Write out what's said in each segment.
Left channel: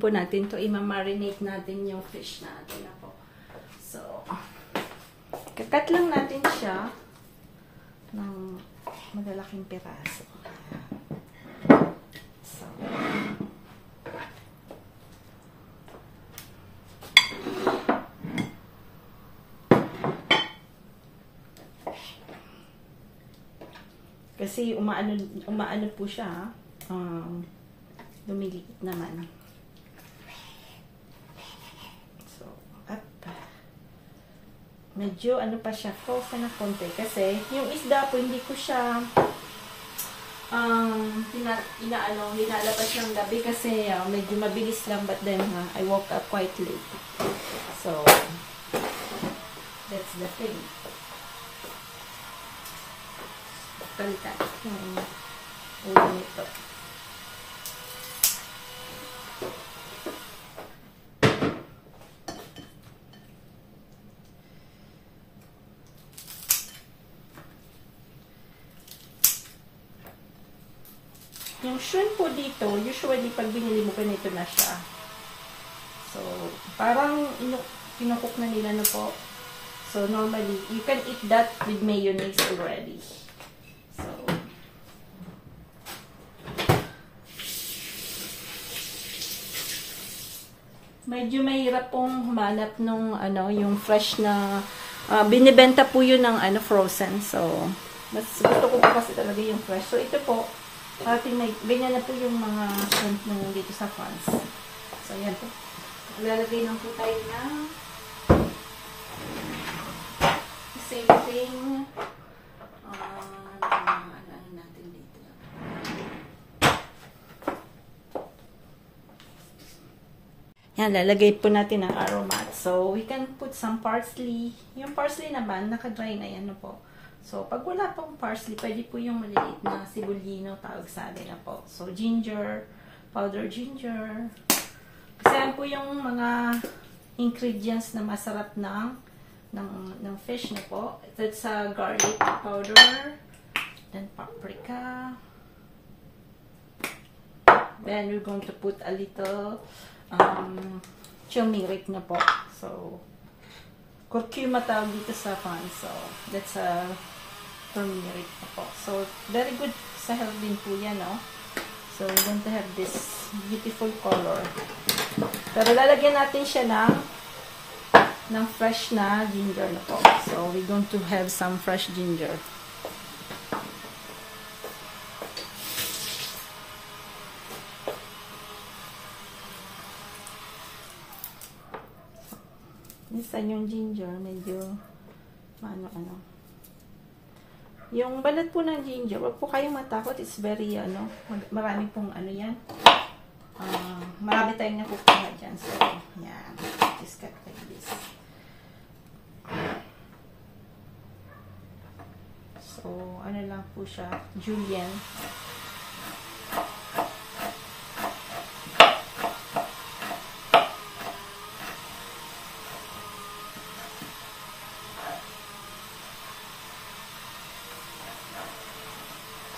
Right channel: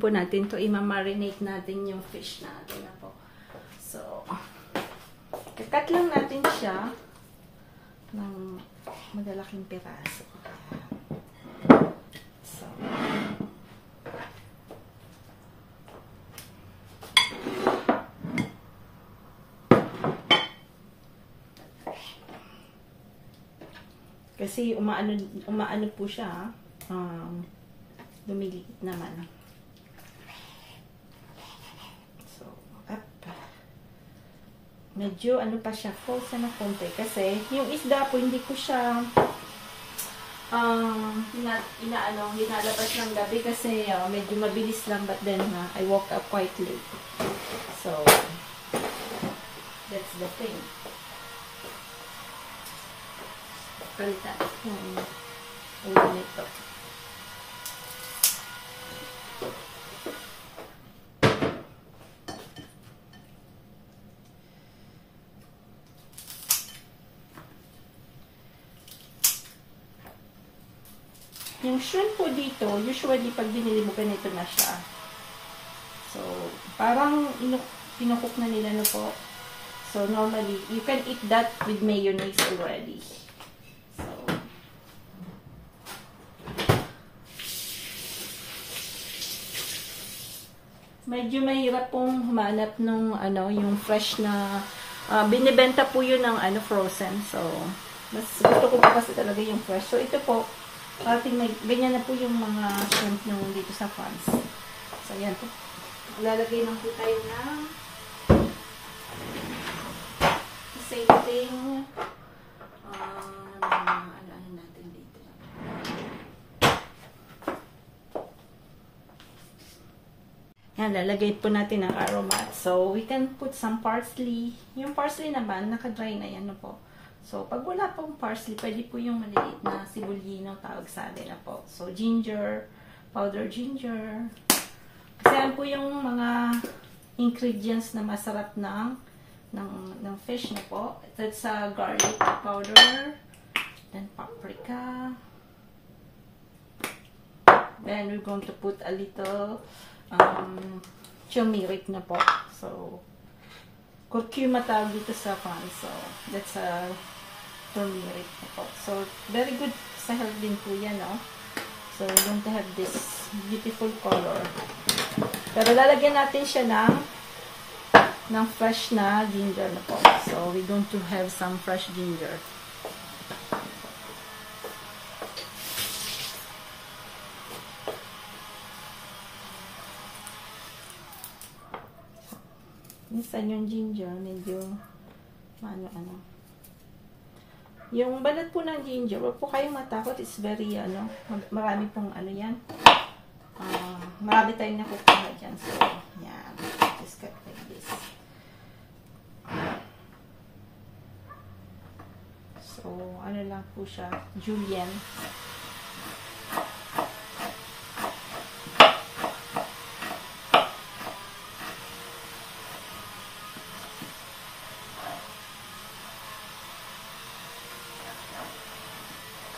po natin to, i-marinate natin yung fish natin na po. So, kakat lang natin siya ng magalaking piraso. So, kasi umaano po siya, lumiliit naman. So, up. Medyo ano pa siya, frozen na konti. Kasi, yung isda po, hindi ko siya hinalabas ng gabi kasi medyo mabilis lang. But then, I woke up quite late. So, that's the thing. Kalitan. Ulo nito. Yung shrimp po dito, usually pag binili mo, ganito na siya. So, parang pinukook na nila na po. So, normally, you can eat that with mayonnaise already. So, medyo mahirap pong humanap nung, yung fresh na, binibenta po yun ng, frozen. So, mas gusto ko po kasi talaga yung fresh. So, ito po, parating may, ganyan na po yung mga shrimp nyo dito sa France. So, yan po. Lalagay lang po tayo ng same thing. Ano natin dito. Yan, lalagay po natin ang aromat. So, we can put some parsley. Yung parsley naman, nakadry na yan po. So, pag wala pong parsley, pwede po yung maliit na sibulino, tawag sa atin na po. So, ginger, powder ginger. Kasi yan po yung mga ingredients na masarap ng fish na po. It's garlic powder, then paprika. Then, we're going to put a little turmeric na po. So, curcuma tawag dito sa France. So, that's turmeric po. So, very good sa health din po yan, no? So, we're going to have this beautiful color. Pero lalagyan natin siya ng fresh na ginger na po. So, we're going to have some fresh ginger. Minsan yung ginger, medyo ano. Yung balat po ng ginger, wag po kayong matakot. It's very, marami pong yan. Marami tayong nakukuha dyan. So, yan. Just cut like this. So, ano lang po siya, julienne.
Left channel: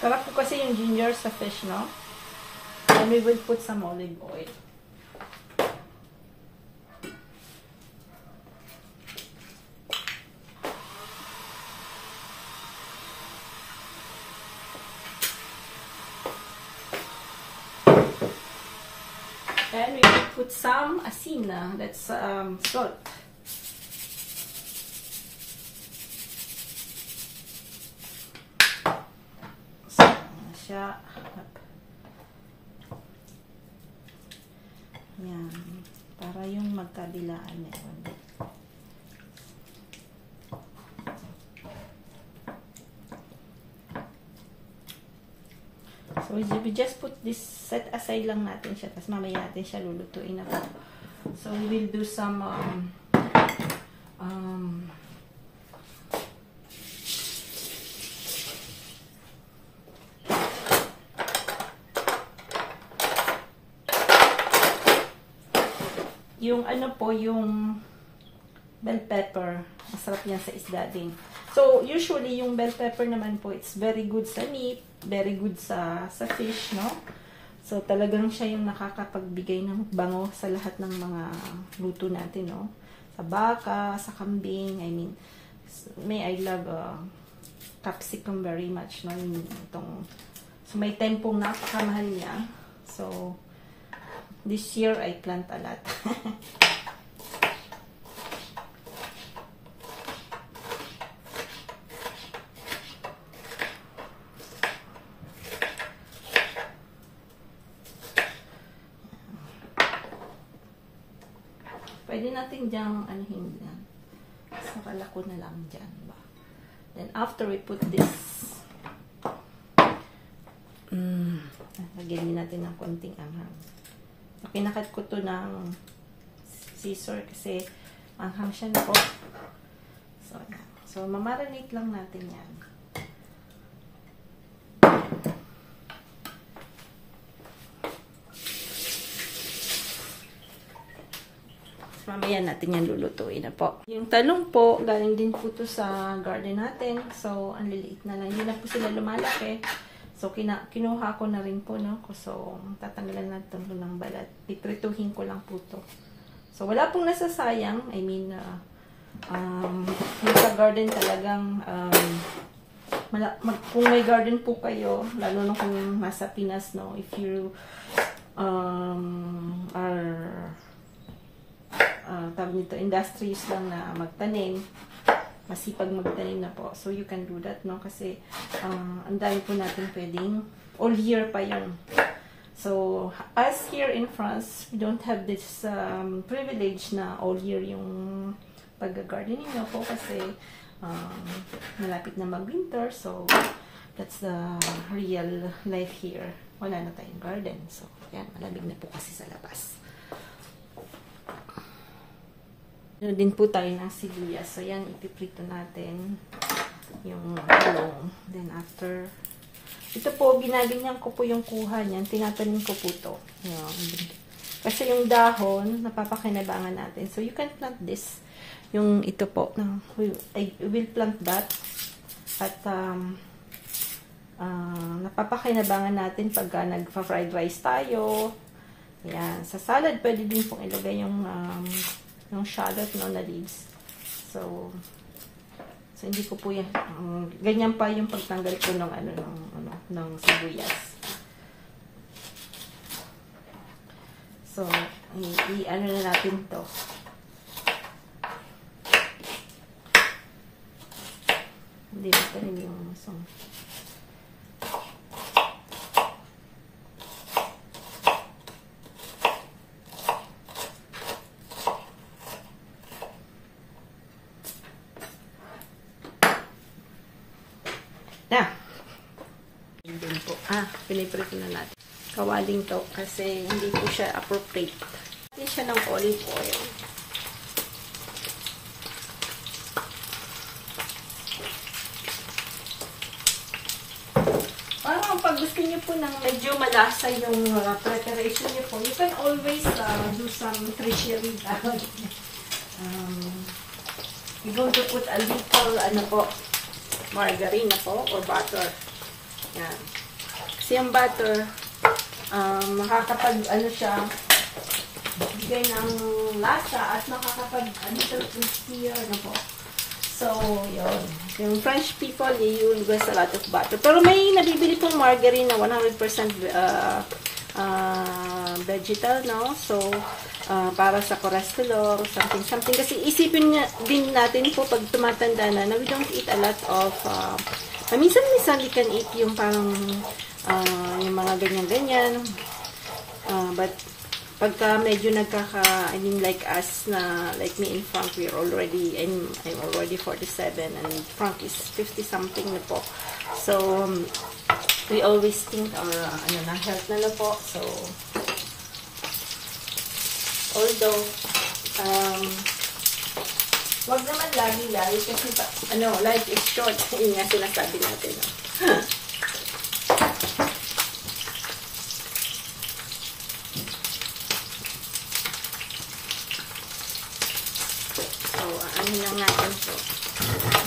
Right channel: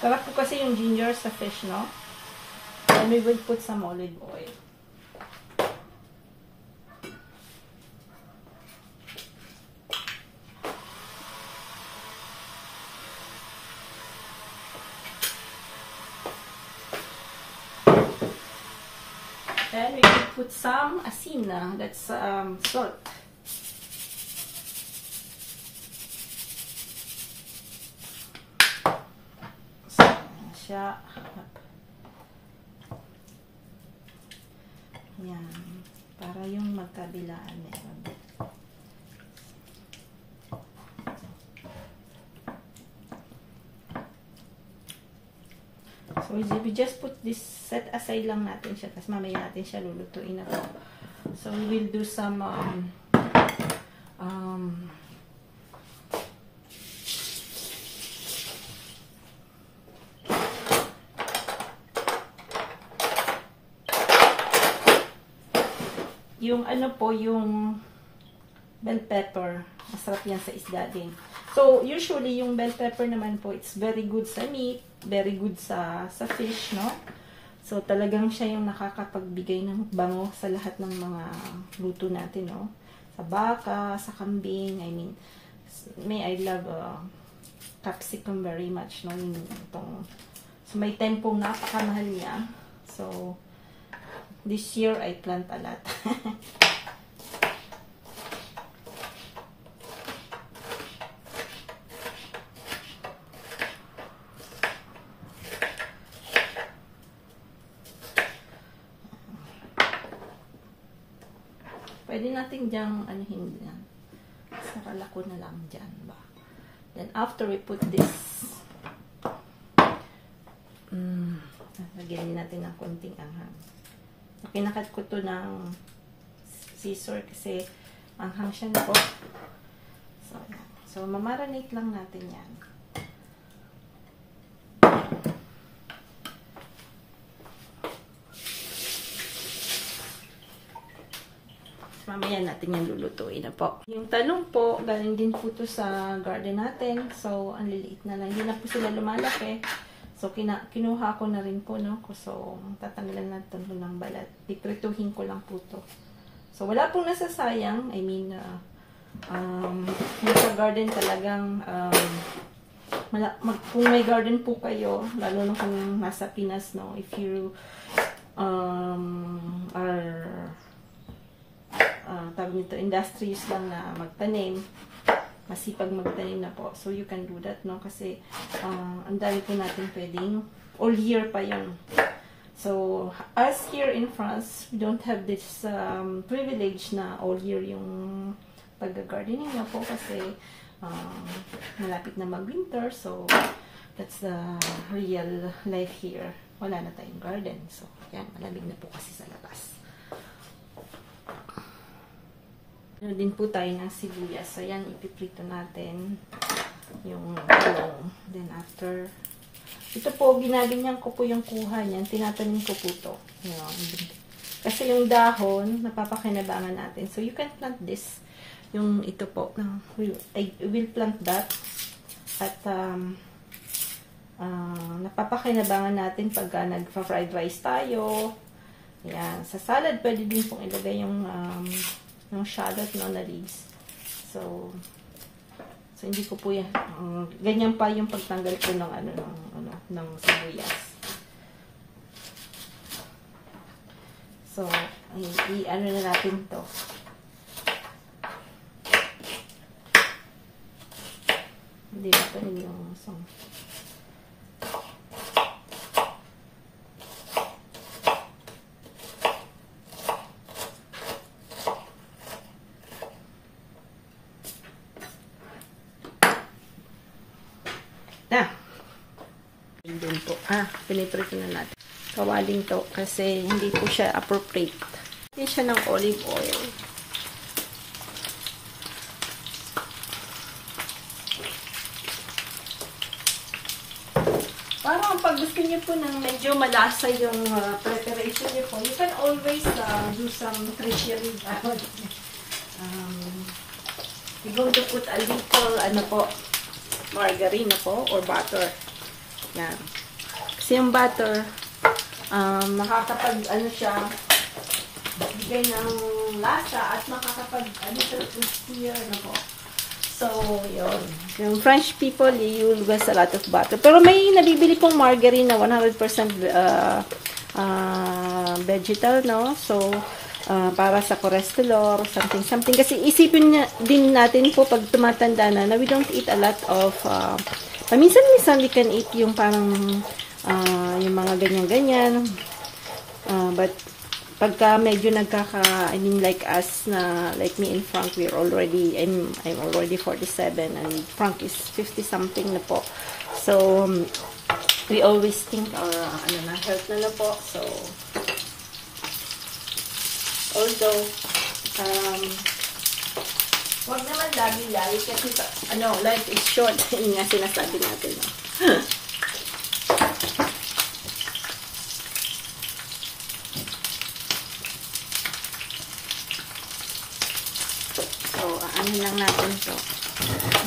Sarap po kasi yung ginger sa fish, no? And we will put some olive oil. And we will put some asina, that's salt. Siya. Yan. Para yung magkabilaan meron. So, we just put this, set aside lang natin siya. Tapos mamaya natin siya lulutuin na po. So, we will do some yung yung bell pepper. Masarap yan sa isda din. So, usually, yung bell pepper naman po, it's very good sa meat, very good sa fish, no? So, talagang siya yung nakakapagbigay ng bango sa lahat ng mga luto natin, no? Sa baka, sa kambing, I mean, I love capsicum very much, no? So, may tempong napakamahal niya. So, this year, I plant a lot. Pwede natin diyang anuhin yan. Sarala ko na lang dyan ba. Then after we put this, lagyan natin ng konting anghang. Pinakat ko to ng scissor kasi anghang siya na po. So mamarinate lang natin yan. Mamaya natin yan lulutuin na po. Yung talong po, galing din po to sa garden natin. So, ang liliit na lang. Hindi na po sila lumalaki. So, kinuha ko na rin po, no? So, tatanggalan natin po ng balat. Piprituhin ko lang po to. So, wala pong nasasayang. I mean, yung sa garden talagang, kung may garden po kayo, lalo na kung nasa Pinas, no? If you are tawag nito, industrious lang na magtanim, masipag magtanim na po. So, you can do that, no? Kasi, ang dami po natin pwedeng all year pa yun. So, as here in France, we don't have this privilege na all year yung pag-gardening na po kasi malapit na mag-winter. So, that's the real life here. Wala na tayong garden. So, yan, malamig na po kasi sa labas. Ano din po tayo ng sibuyas. So, yan, ipiprito natin yung talong. Then, after, ito po, ginaganyan ko po yung kuha niyan. Tinatanim ko po ito. Kasi yung dahon, napapakinabangan natin. So, you can plant this. Yung ito po. I will plant that. At, napapakinabangan natin pagka nagpa-fried rice tayo. Yan. Sa salad, pwede din pong ilagay yung shallot, no, na leaves. So hindi ko po yan. Ganyan pa yung pagtanggal po ng sibuyas. So, i-ano na natin to. Hindi natin yung Doon po. Piniprito na natin. Kawaling to kasi hindi po siya appropriate. Hindi siya ng olive oil. Parang pag gusto niyo po ng medyo malasa yung preparation niyo po, you can always do some tertiary. You're going to put a little, margarine na po or butter. Yan. Kasi yung butter, siya, bigay ng lasa at crispier na po. So, yun. Yung French people, you use a lot of butter. Pero may nabibili pong margarine na 100% vegetal, no? So, para sa cholesterol, something. Kasi isipin din natin po pag tumatanda na we don't eat a lot of minsan we can eat yung yung mga ganyan-ganyan. But pagka medyo I mean like us na, like me and Frank, I'm already 47 and Frank is 50 something na po. So, we always think our health na po. So, although, huwag naman lagi kasi life is short. Yun nga sinasabi natin. So, lang natin to.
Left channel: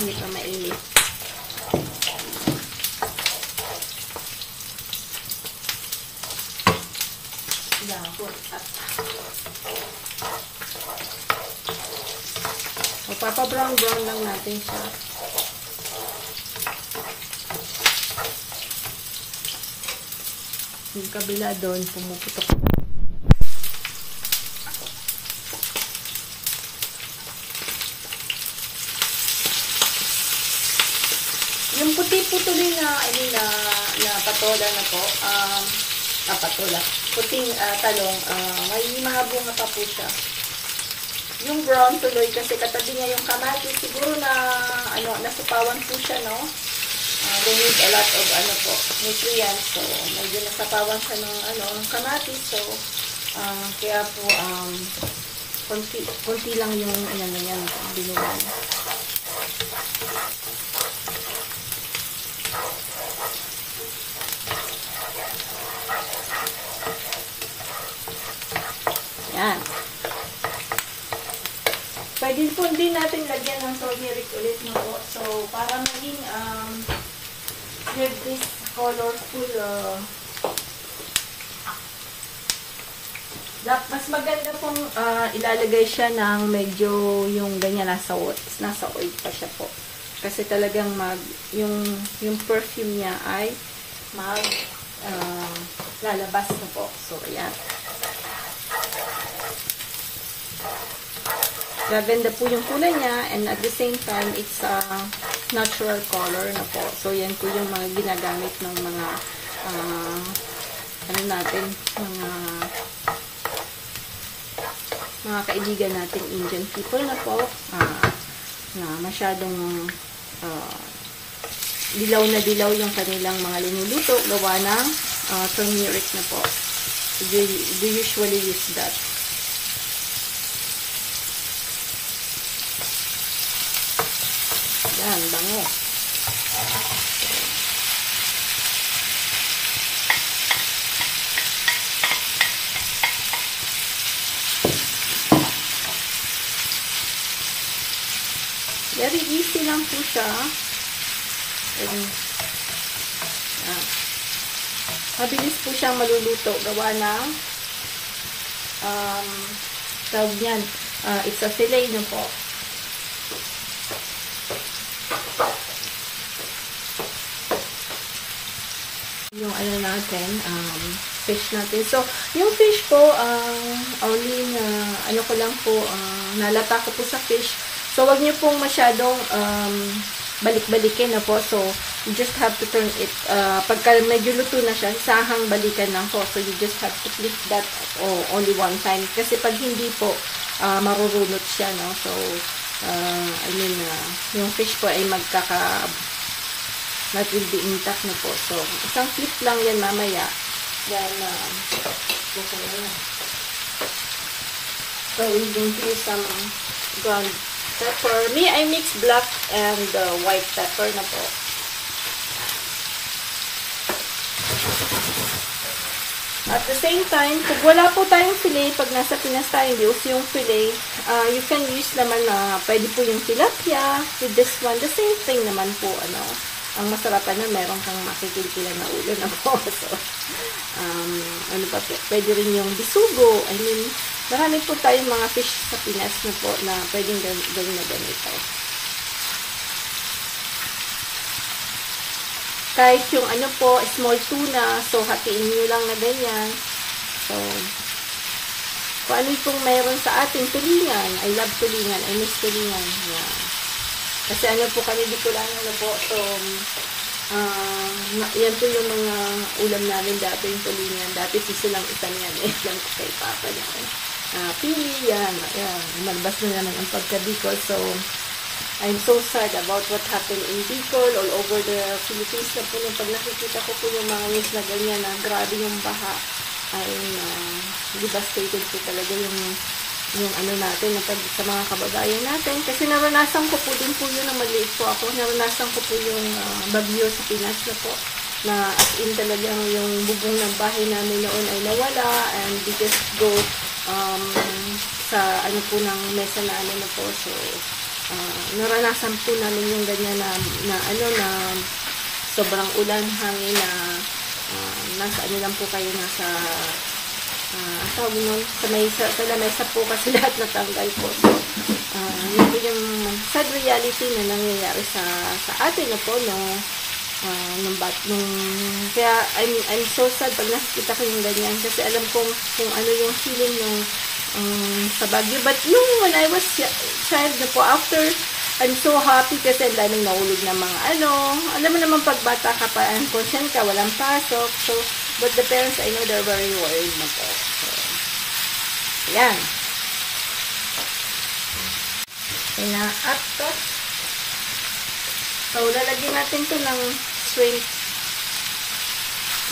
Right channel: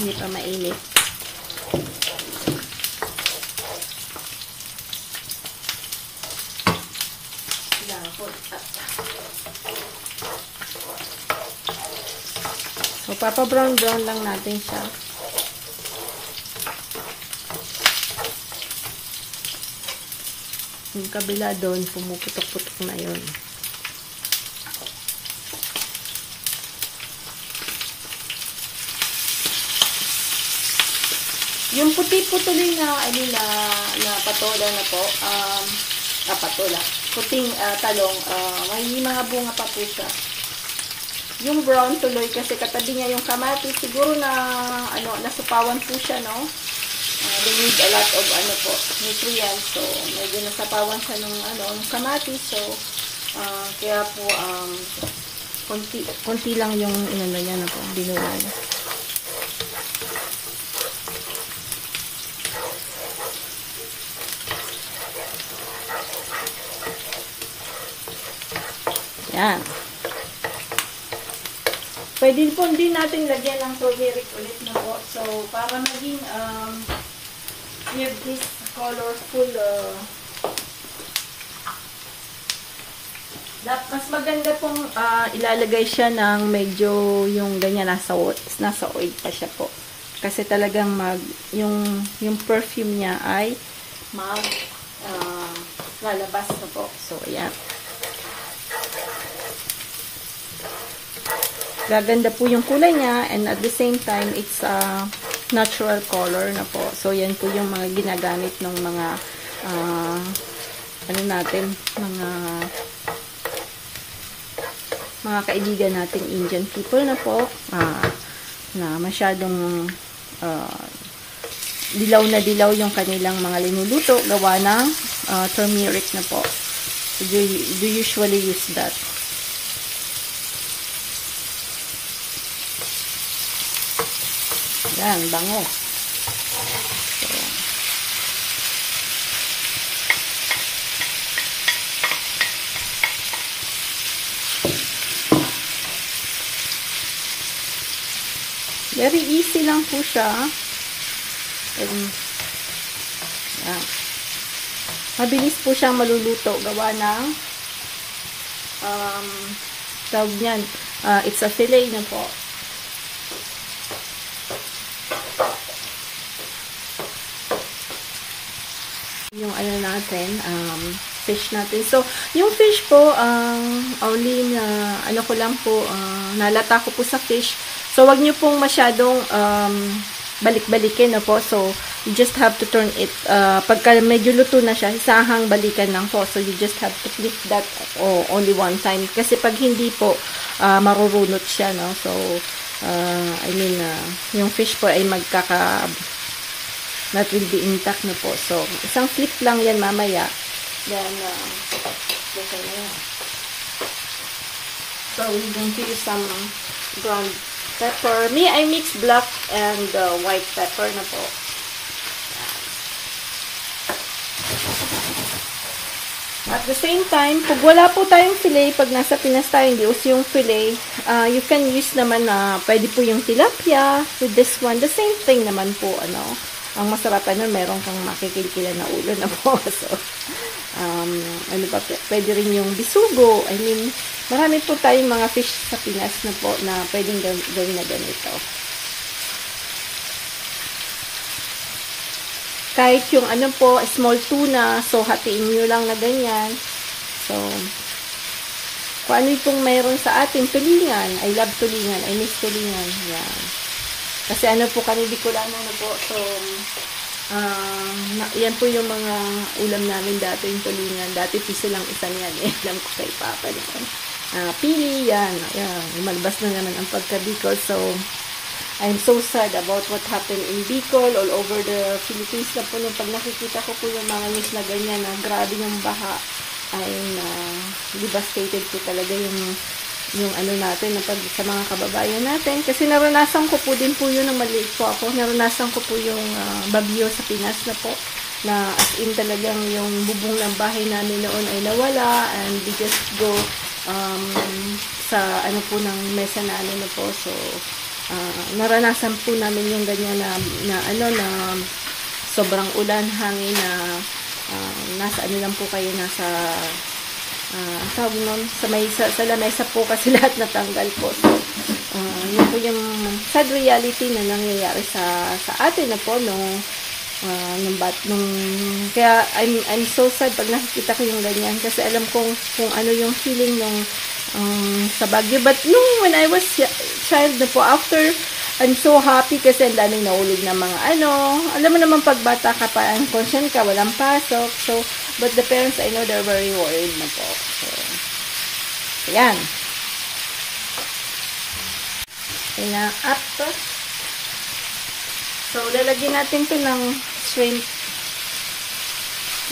Hindi pa mainit. So, papa-brown-brown lang natin siya. Yung kabila doon, pumuputok-putok na yun. Yung puti-putuloy na, na patola na po, patola, puting talong, may mga bunga pa po siya. Yung brown tuloy, kasi katabi niya yung kamatis, siguro na, nasupawan po siya, no? They need a lot of, nutrients, so, medyo nasapawan siya ng, kamatis, so, kaya po, konti lang yung, yan, binulan. Yan. Pwede po din natin lagyan ng turmeric ulit, no? So, para maging with this colorful mas maganda pong ilalagay siya ng medyo yung ganyan nasa oil pa siya po. Kasi talagang yung perfume niya ay lalabas na po. So, ayan. Gaganda po yung kulay niya, and at the same time, it's a natural color na po. So, yan po yung mga ginagamit ng mga, mga kaibigan natin Indian people na po, na masyadong dilaw na dilaw yung kanilang mga linuluto, gawa ng turmeric na po. So, they usually use that. Yan, bango. Very easy lang po siya. Mabilis po siyang maluluto. Gawa ng tawag niyan. It's a fillet na po. Yung natin, fish natin. So, yung fish po, only na, ko lang po, nalata ko po sa fish. So, wag niyo pong masyadong balik-balikin na po. So, you just have to turn it, pagka medyo luto na siya, isahang balikan lang po. So, you just have to flip that only one time. Kasi pag hindi po, marurunot siya, no? So, yung fish po ay that will be intact na po. So, isang flip lang yan mamaya. Then, so, we're going to use some ground pepper. Me, I mix black and white pepper na po. At the same time, pag wala po tayong fillet, pag nasa Pinas tayo, hindi uso yung fillet, you can use naman pwede po yung tilapia with this one. The same thing naman po, ang masarapan na meron kang makikilkila na ulo na po. So, pa po, pwede rin yung bisugo. Marami po tayong mga fish sa Pinas na po na pwedeng gawin na ganito. Kahit yung small tuna, so hatiin nyo lang na ganyan. So, kung ano itong mayroon sa atin, tulingan. I love tulingan. I miss tulingan. Yan. Kasi po kami Bicolano na po. So, yan po yung mga ulam namin dati, yung tulingan. Dati piso lang isa niyan. Alam ko kay Papa na. Pili, yan. Malabas na naman ang pagka-Bicol. So, I'm so sad about what happened in Bicol, all over the Philippines na po. Pag nakikita ko po yung mga news na ganyan, grabe yung baha. Devastated po talaga yung natin, sa mga kababayan natin. Kasi naranasan ko po din po yun, nang maliit po ako. Naranasan ko po yung bagyo sa Pinas na po. Na as in talagang yung bubong ng bahay namin noon ay nawala. And we just go sa po ng mesa namin na po. So, naranasan po namin yung ganyan na sobrang ulan, hangin na nasa lang po kayo, nasa sa lamesa po kasi lahat natanggal po. So, Yun po yung sad reality na nangyayari sa atin na po, no? Kaya I'm so sad pag nakikita ko yung ganyan kasi alam kong kung ano yung feeling ng sa Baguio. But yung when I was child na po, after, I'm so happy kasi ang daming nahulog na mga alam mo naman pag bata ka pa, conscious ka, walang pasok. So, but the parents, I know they're very worried na po. So, ayan. Kaya, up to. So, lalagyan natin to ng shrimp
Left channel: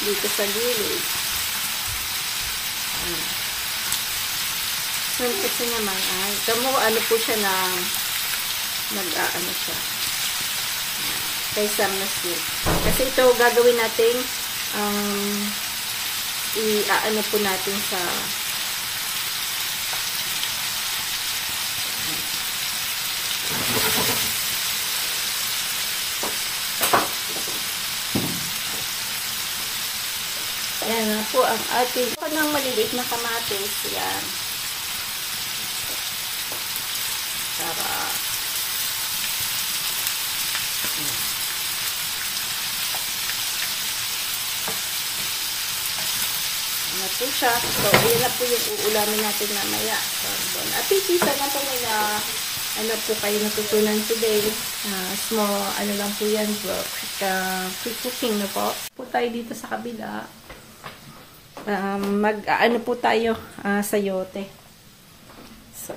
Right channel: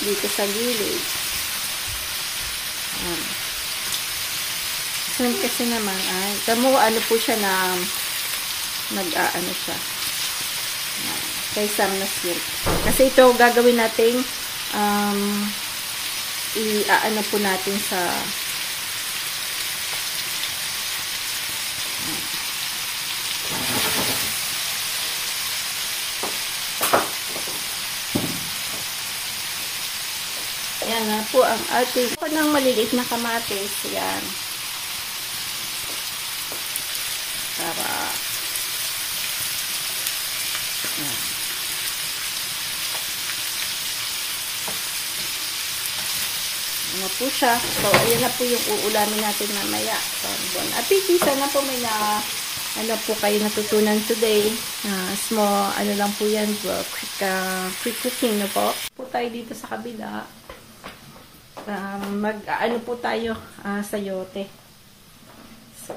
dito sa gilid. Shrimp kasi naman, kamo po siya na siya. Kaysa na shrimp. Kasi ito, gagawin natin, po natin sa yan nga po ang ating ng maliliit na kamatis. Yan. Para ano po siya. So, ayan na po yung uulamin natin mamaya. So, at least, sana po may po kayo natutunan today. Small, lang po yan. Quick cooking na po. Po tayo dito sa kabila. Po tayo sayote. So,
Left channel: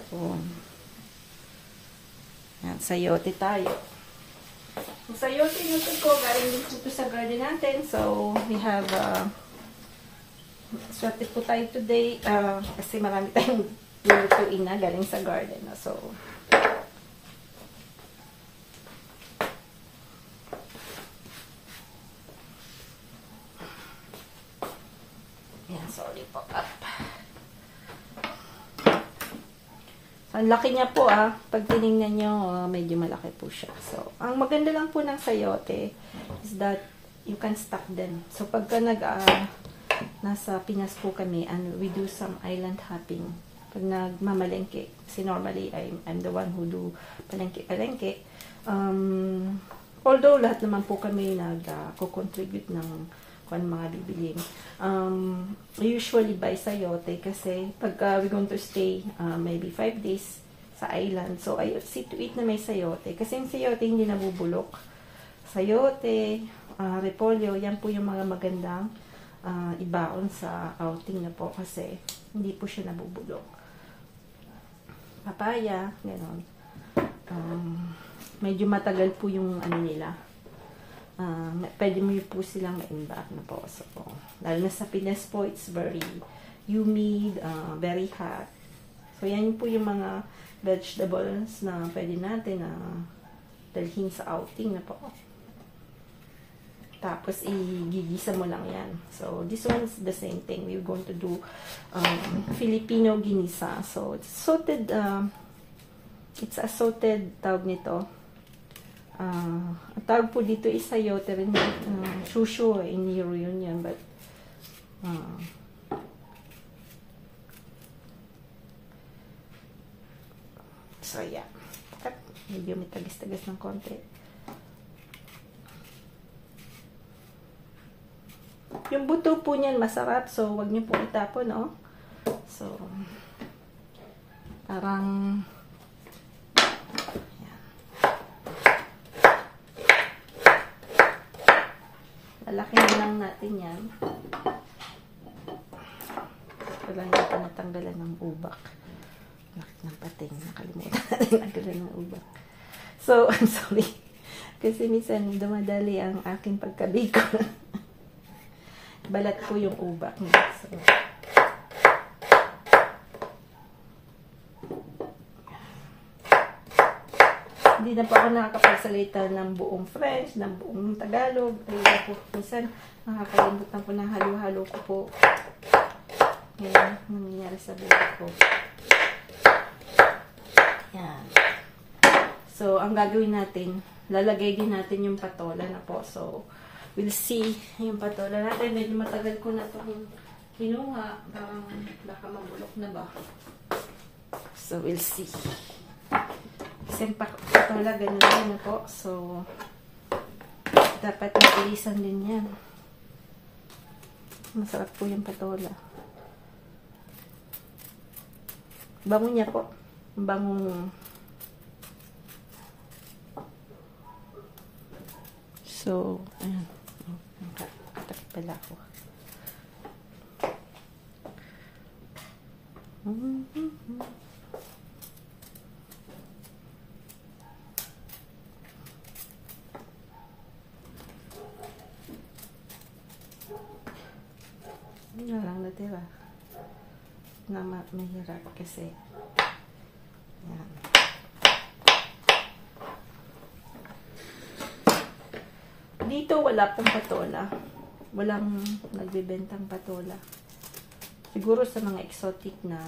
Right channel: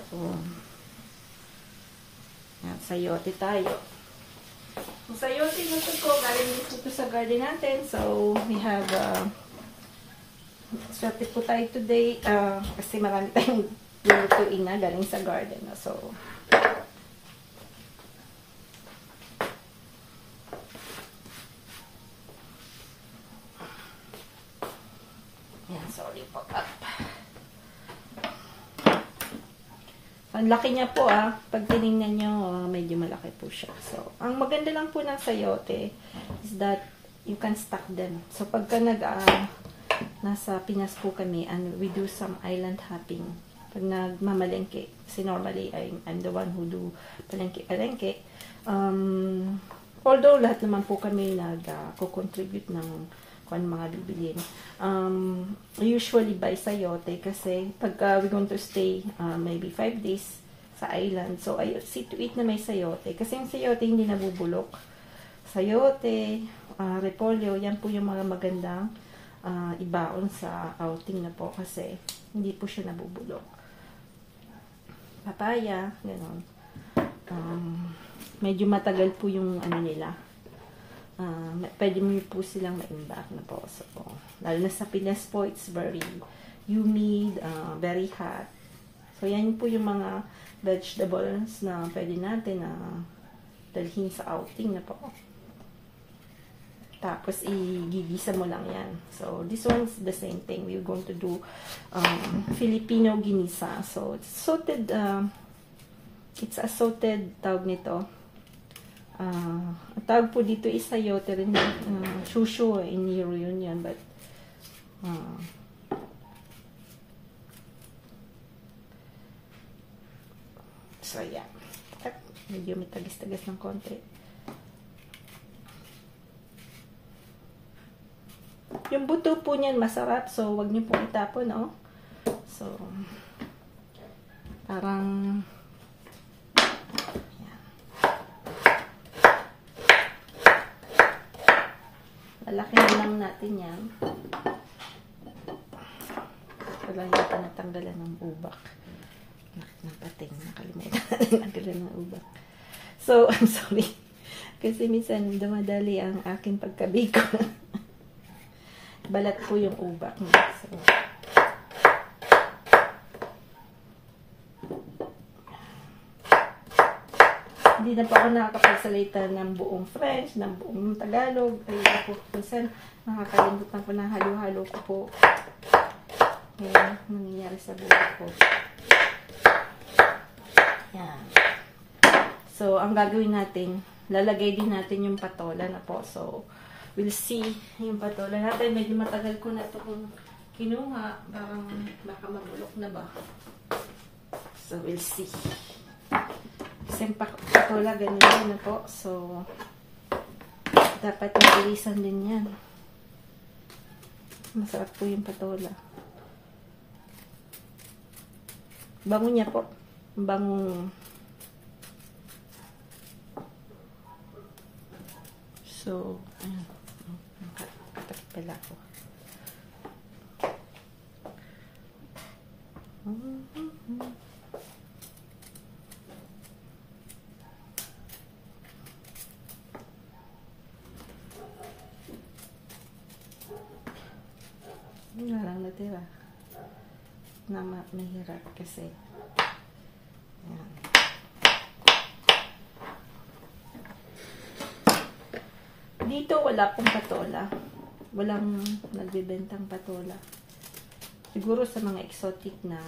sayote tayo. Yung sayote nito ko, galing dito sa garden natin. So, we have swerte po tayo today kasi marami tayong lulutuin na galing sa garden. So, yan, sorry po. Ang laki niya po pag tinignan nyo, medyo malaki po siya. So, ang maganda lang po ng sayote is that you can stack them. So, pagka nasa Pinas po kami and we do some island hopping. Pag nagmamalengke, kasi normally I'm the one who do palengke. Although lahat naman po kami nag-contribute ng kung mga bibilin. We usually buy sayote kasi pagka we're going to stay maybe 5 days sa island. So, I see to eat na may sayote. Kasi yung sayote hindi nabubulok. Sayote, repolyo, yan po yung mga magandang ibaon sa outing na po kasi hindi po siya nabubulok. Papaya, gano'n. Medyo matagal po yung nila. Pwede mo po silang ma-imbak na po. So, lalo na sa Pinas po, it's very humid, very hot. So, yan po yung mga vegetables na pwede natin dalhin sa outing na po. Tapos, igigisa mo lang yan. So, this one's the same thing. We're going to do Filipino ginisa. So, it's sauteed, it's a sauteed tawag nito. Ang tawag po dito is sayote rin. Shushu in Euro yun yan. But, so, yeah. Medyo may tagas-tagas ng konti. Yung buto po niyan masarap. So, wag niyo po itapon, no? So, parang lalaki na lang natin yan. Wala natin natanggalan ng ubak. Nakit ng pating. Nakalimutan natin natanggalan ng ubak. So, I'm sorry. Kasi minsan dumadali ang aking pagkabiko. Balat po yung ubak niya. So, hindi na po ako nakakapagsalita ng buong French, ng buong Tagalog. Kaya po, minsan, nakakalimutan ko ng halo-halo ko po. Yan, nangyayari sa buhay ko. Yan. So, ang gagawin natin, lalagay din natin yung patola na po. So, we'll see yung patola natin. Medyo matagal ko na ito kinuha. Parang baka mabulok na ba. So, we'll see. Kasi patola, ganun din na po. So, dapat mabilisan din yan. Masarap po yung patola. Bango niya po. Bango. So, ayan. Tapos pala ako. Walang natira. Na mahirap kasi. Ayan. Dito wala pong patola. Walang nagbibentang patola. Siguro sa mga exotic na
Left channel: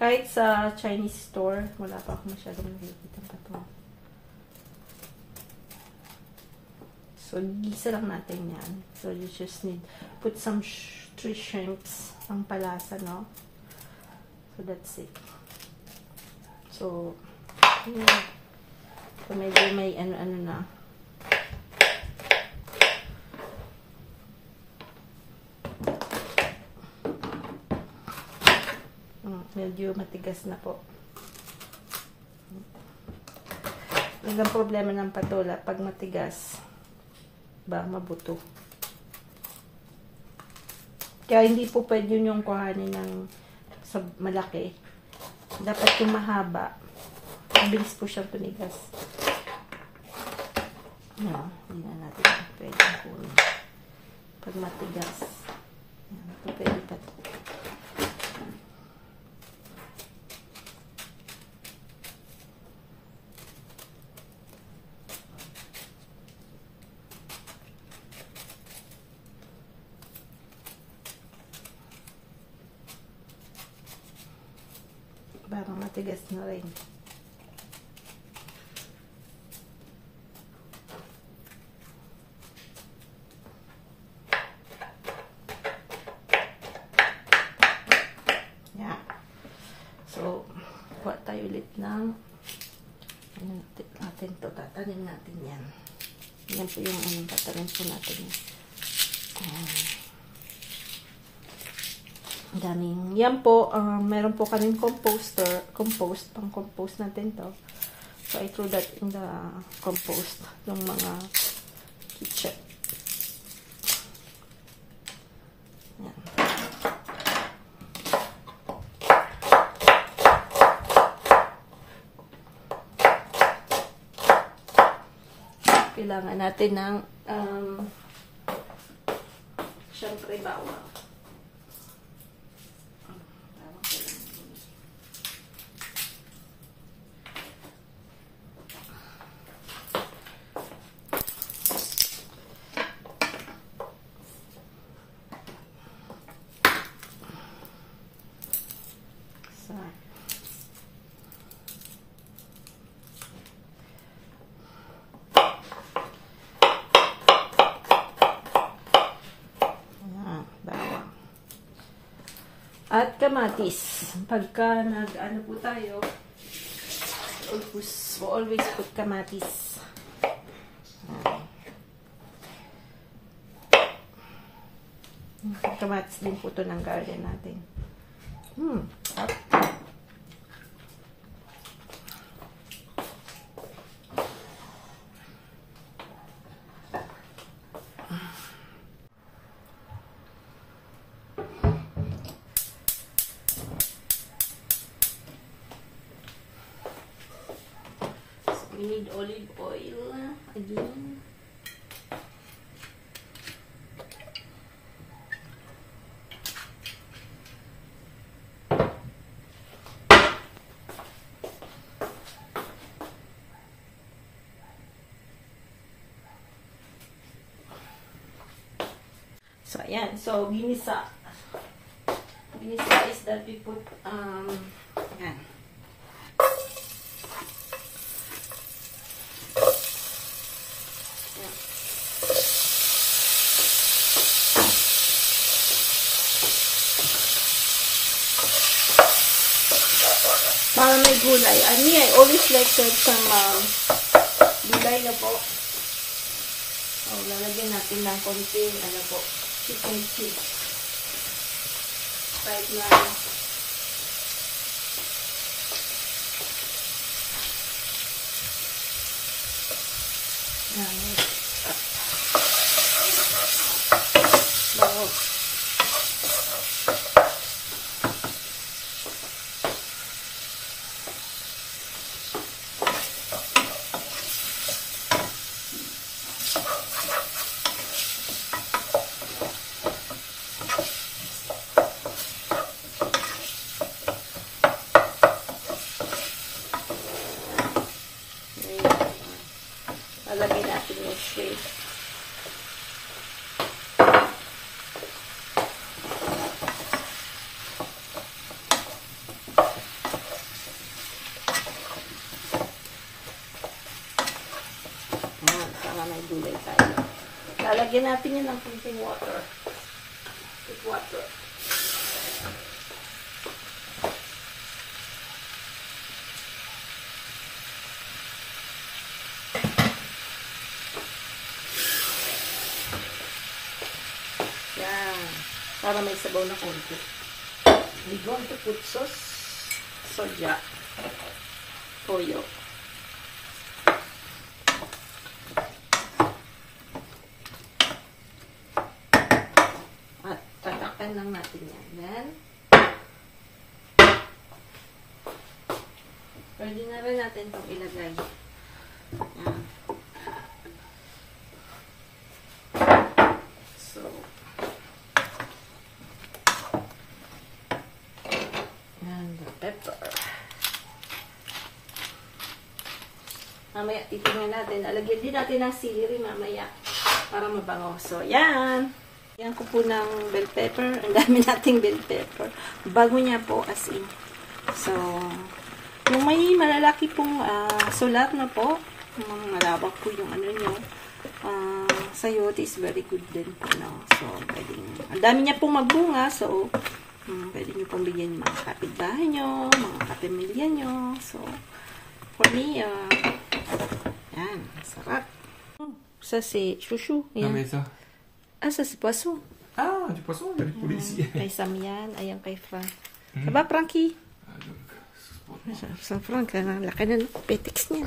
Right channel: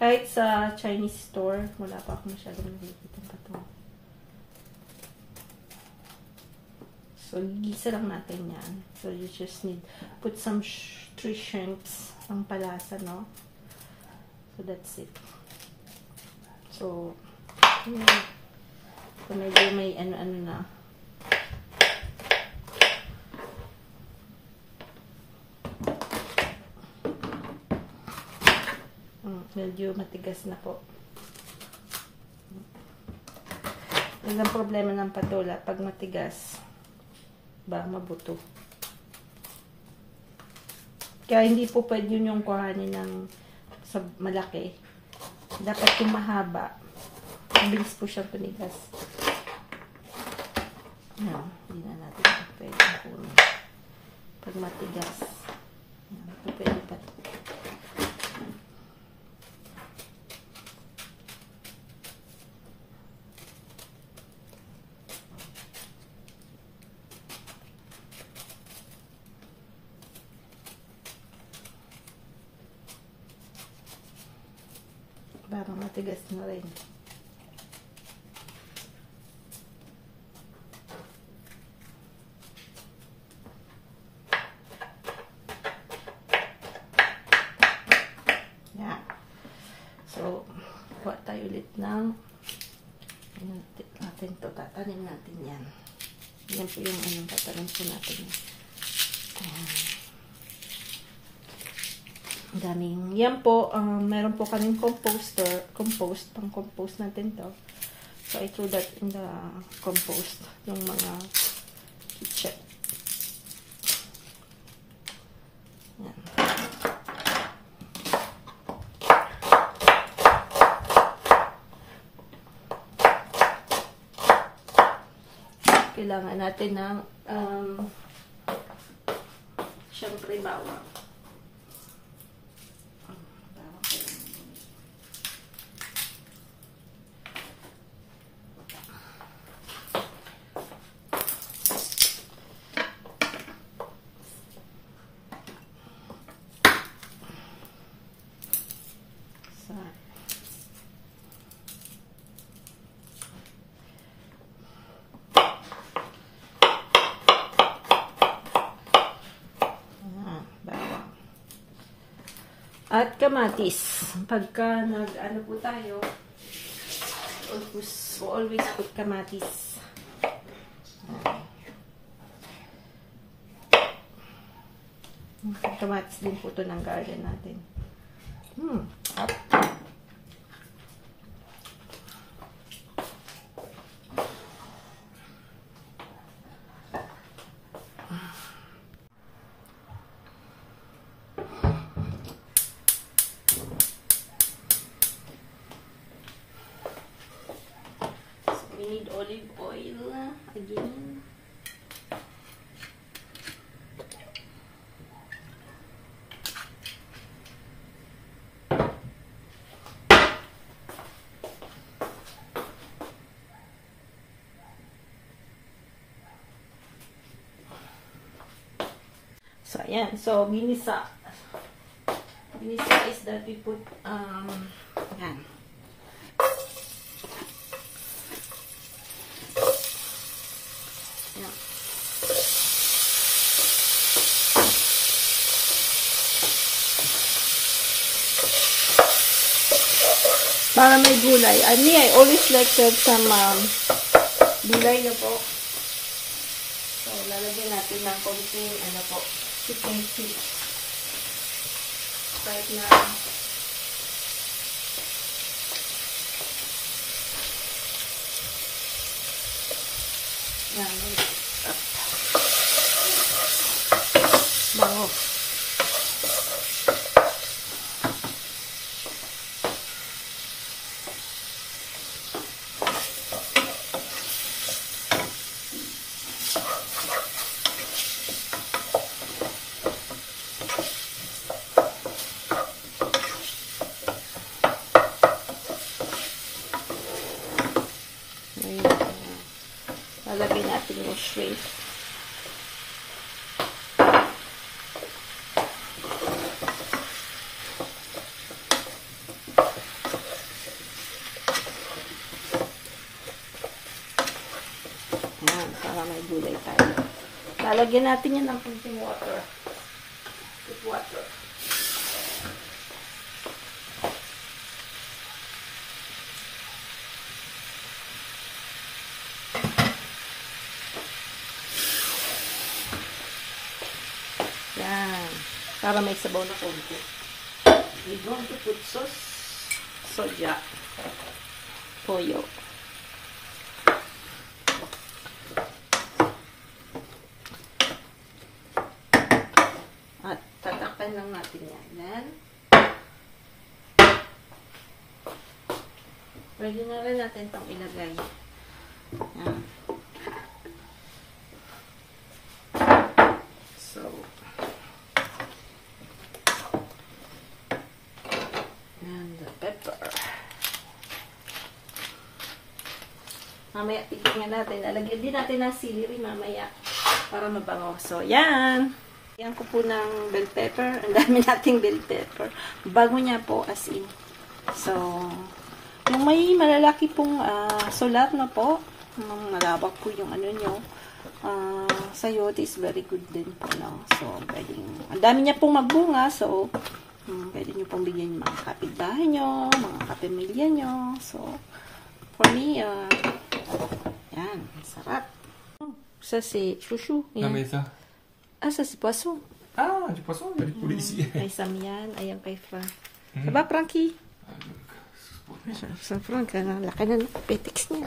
kahit sa Chinese store, wala pa akong masyadong nakikita patola. So, gisa lang natin yan. So, you just need put some 3 shrimps ang palasa, no? So, that's it. So, yeah. So, medyo may ano-ano na. Medyo matigas na po. Yung ang problema ng patola, pag matigas, mabuto. Kaya hindi po pwede yung kuhanin ng sa malaki. Dapat yung mahaba. Mabilis po siyang tumigas. Yan, hindi na natin pwede kunin. Pag matigas. Yan, ito pwede pa. Parang matigas na rin. Yeah. So, kuha tayo ulit ng natin to. Tatanim natin yan. Yan po yung anong tatanim po natin yan. Daming. Yan po, meron po kaming compost, pang compost natin to. So, I threw that in the compost, yung mga kitchen. Yan. Kailangan natin ng syempre bawang. At kamatis. Pagka nag-ano po tayo, always put kamatis. Kamatis din po ito ng garden natin. Hot. We need olive oil again. So, ayan. So, binisa. Binisa is that we put, ayan. para may gulay. I always like to have some gulay na po. So, lalagyan natin ng konting, ano po, chicken feet. Right now. Wow. Lalagyan natin yung shrimp. Ayan, para may gulay tayo. Lalagyan natin yun ng konting water. With water. Yan. Para may sabaw na konti. We're going to put sauce. Soja. Toyo. At tatakan lang natin yan. Then, pwede na rin natin itong ilagay. Yan. And the pepper. Mamaya titingnan natin. Lalagyan din natin ng celery mamaya para mabango. So, yan. Yan ko po ng bell pepper. Ang dami nating bell pepper. Bago niya po as in. So, yung may malalaki pong sulat na po. Malabak po yung ano nyo. Sayote is very good din po. No? So, pwedeng, ang dami niya pong magbunga. So, pwede nyo pong bigyan yung mga kapitbahay nyo, mga kapamilya nyo. So, for me, yan, sarap. Ça, c'est chouchou. Ah, mais ça. Ah, ça, c'est poisson. Ah, du poisson, il y a du poulet ici. Kay Sam yan. Ayan kay Frank. Ça va, Frankie? Ah, donc, Sa Frank, laki na ng petex niya.